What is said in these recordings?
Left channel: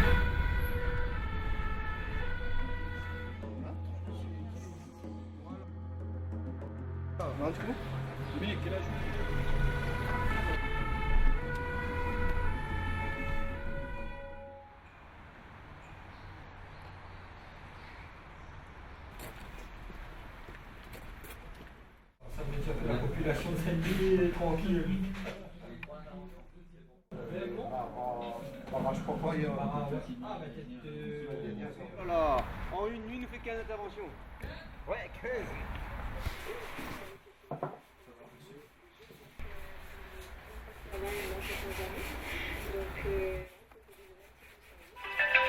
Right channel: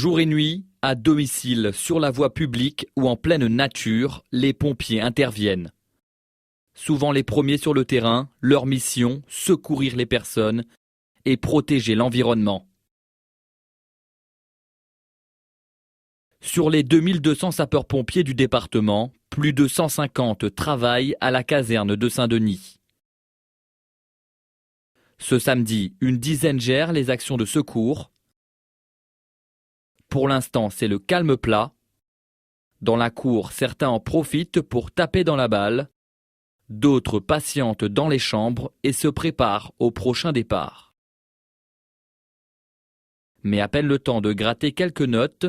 Jour et nuit, à domicile, sur la voie publique ou en pleine nature, les pompiers interviennent. Souvent les premiers sur le terrain, leur mission, secourir les personnes et protéger l'environnement. Sur les 2200 sapeurs-pompiers du département, plus de 150 travaillent à la caserne de Saint-Denis. Ce samedi, une dizaine gèrent les actions de secours. Pour l'instant, c'est le calme plat. Dans la cour, certains en profitent pour taper dans la balle. D'autres patientent dans les chambres et se préparent au prochain départ. Mais à peine le temps de gratter quelques notes.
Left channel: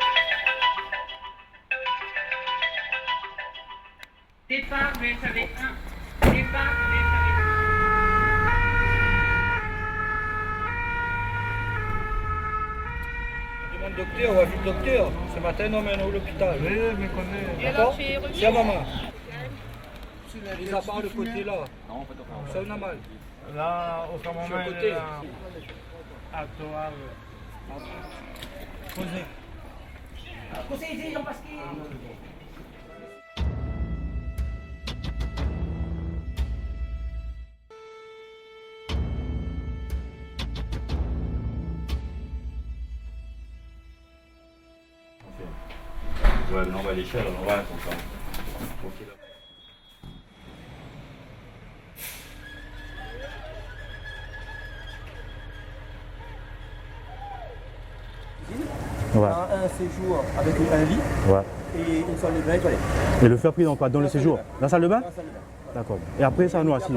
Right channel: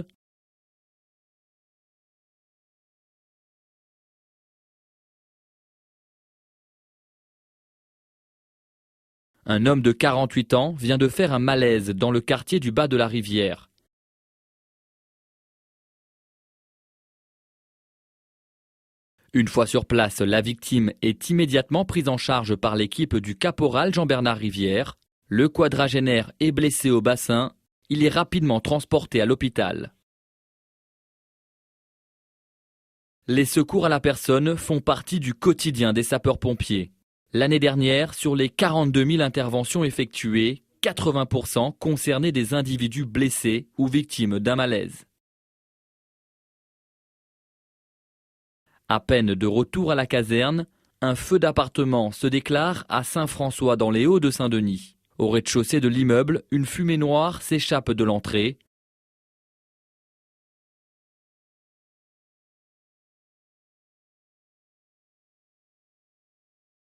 Un homme de 48 ans vient de faire un malaise dans le quartier du bas de la rivière. Une fois sur place, la victime est immédiatement prise en charge par l'équipe du caporal Jean-Bernard Rivière. Le quadragénaire est blessé au bassin. Il est rapidement transporté à l'hôpital. Les secours à la personne font partie du quotidien des sapeurs-pompiers. L'année dernière, sur les 42 000 interventions effectuées, 80% concernaient des individus blessés ou victimes d'un malaise. À peine de retour à la caserne, un feu d'appartement se déclare à Saint-François dans les Hauts de Saint-Denis. Au rez-de-chaussée de l'immeuble, une fumée noire s'échappe de l'entrée. Ouais. Un séjour avec un lit et une salle de bain et toilette. Et le feu a pris dans quoi? Dans le séjour? Dans la salle de bain? D'accord. Et après ça nous assis.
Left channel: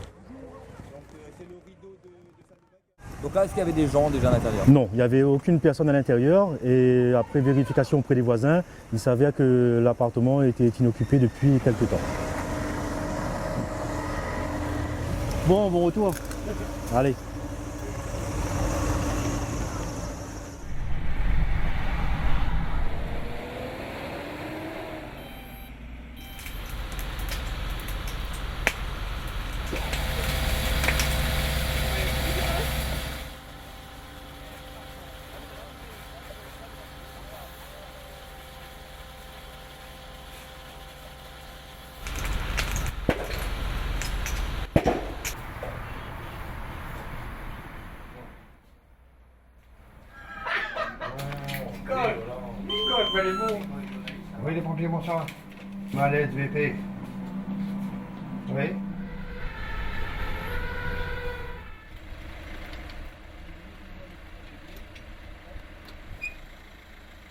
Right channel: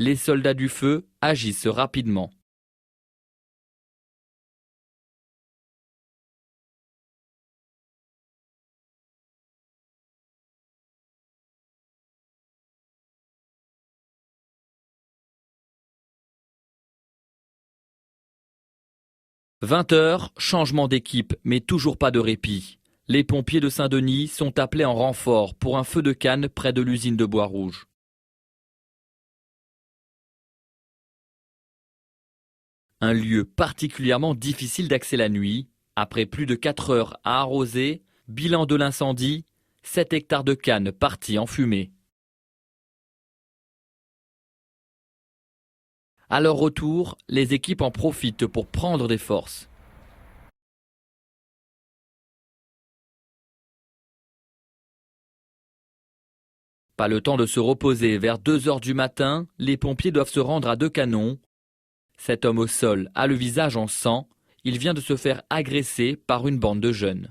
Les soldats du feu agissent rapidement. Donc là, est-ce qu'il y avait des gens déjà à l'intérieur? Non, il n'y avait aucune personne à l'intérieur. Et après vérification auprès des voisins, il s'avère que l'appartement était inoccupé depuis quelques temps. Bon retour. Allez. 20 h, changement d'équipe, mais toujours pas de répit. Les pompiers de Saint-Denis sont appelés en renfort pour un feu de canne près de l'usine de Bois-Rouge. Un lieu particulièrement difficile d'accès la nuit. Après plus de 4 heures à arroser, bilan de l'incendie, 7 hectares de canne partis en fumée. À leur retour, les équipes en profitent pour prendre des forces. Pas le temps de se reposer. Vers 2 h du matin, les pompiers doivent se rendre à Deux-Canons. Cet homme au sol a le visage en sang. Il vient de se faire agresser par une bande de jeunes.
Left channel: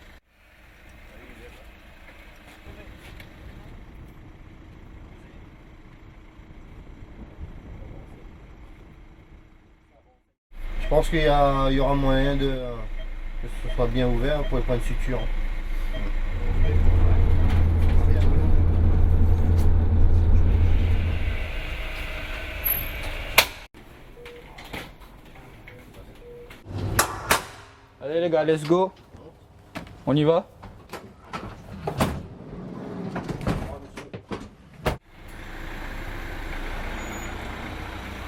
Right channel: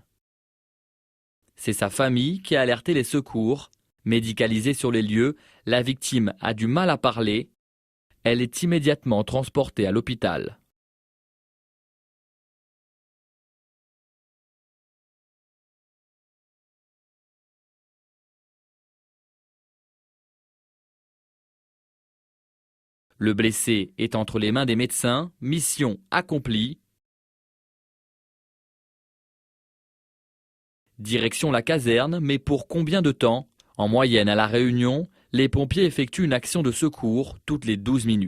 C'est sa famille qui a alerté les secours. Médicalisée sur les lieux, la victime a du mal à parler. Elle est immédiatement transportée à l'hôpital. Je pense qu'il y aura moyen que ce soit bien ouvert pour prendre une suture. Le blessé est entre les mains des médecins. Mission accomplie. Allez les gars, let's go. On y va? Direction la caserne, mais pour combien de temps? En moyenne à La Réunion, les pompiers effectuent une action de secours toutes les 12 minutes.